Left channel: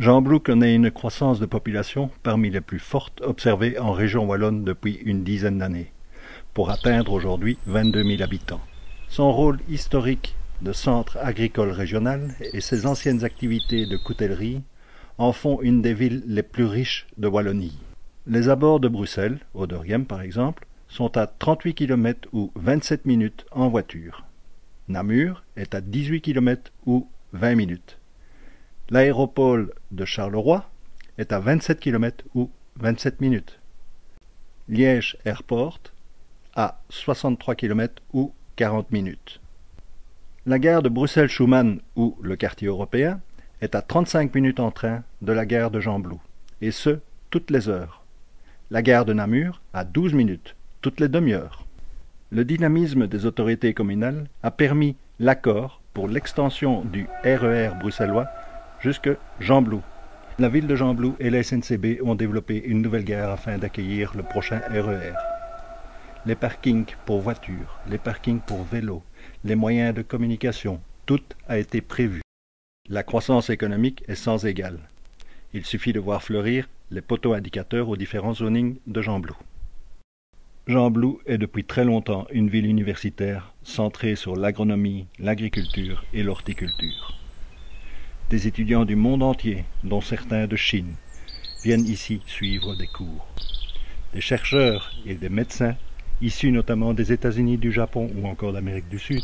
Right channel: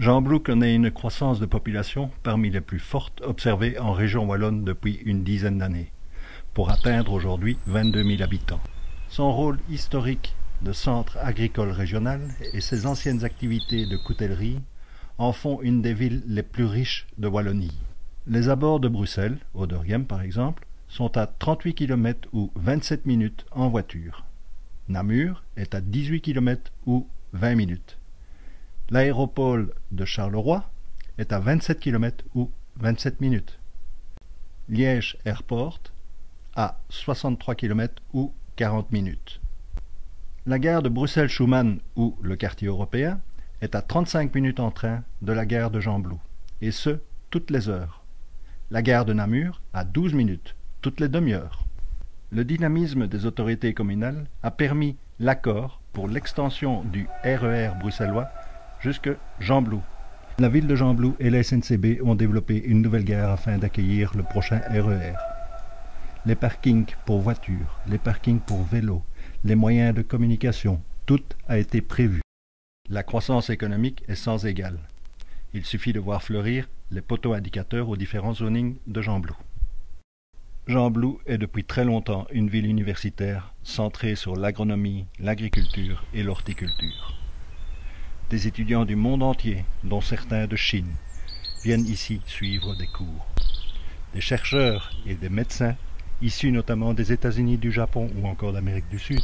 Gembloux connaît une croissance de population parmi les plus fortes observées en région wallonne depuis une dizaine d'années, pour atteindre aujourd'hui 22 000 habitants. Son rôle historique de centre agricole régional et ses anciennes activités de coutellerie en font une des villes les plus riches de Wallonie. Les abords de Bruxelles, Oderghem par exemple, sont à 38 km ou 27 minutes en voiture. Namur est à 18 km ou 20 minutes. L'aéroport de Charleroi est à 27 km ou 27 minutes. Liège Airport à 63 km ou 40 minutes. La gare de Bruxelles-Schuman ou le quartier européen est à 35 minutes en train de la gare de Gembloux, et ce, toutes les heures. La gare de Namur à 12 minutes, toutes les demi-heures. Le dynamisme des autorités communales a permis l'accord pour l'extension du RER bruxellois jusque Gembloux. La ville de Gembloux et la SNCB ont développé une nouvelle gare afin d'accueillir le prochain RER. Les parkings pour voitures, les parkings pour vélos, les moyens de communication, tout a été prévu. La croissance économique est sans égale. Il suffit de voir fleurir les poteaux indicateurs aux différents zonings de Gembloux. Gembloux est depuis très longtemps une ville universitaire centrée sur l'agronomie, l'agriculture et l'horticulture. Des étudiants du monde entier, dont certains de Chine, viennent ici suivre des cours. Des chercheurs et des médecins, issus notamment des États-Unis, du Japon ou encore d'Amérique du Sud,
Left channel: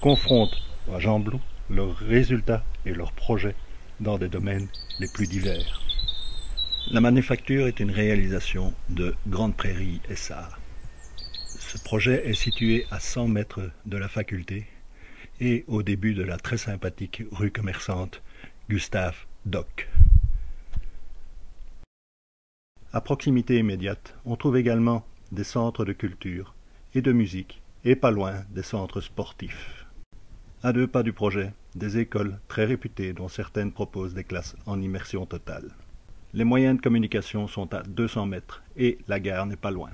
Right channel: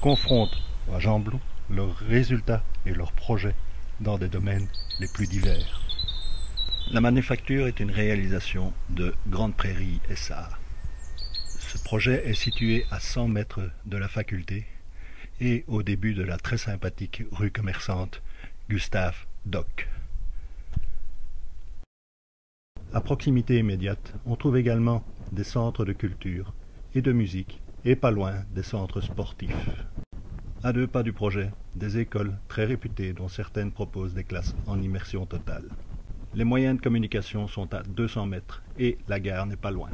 confrontent à Gembloux leurs résultats et leurs projets dans des domaines les plus divers. La manufacture est une réalisation de Grande Prairie SA. Ce projet est situé à 100 mètres de la faculté et au début de la très sympathique rue commerçante Gustave Dock. À proximité immédiate, on trouve également des centres de culture et de musique et pas loin des centres sportifs. À 2 pas du projet, des écoles très réputées dont certaines proposent des classes en immersion totale. Les moyens de communication sont à 200 mètres et la gare n'est pas loin.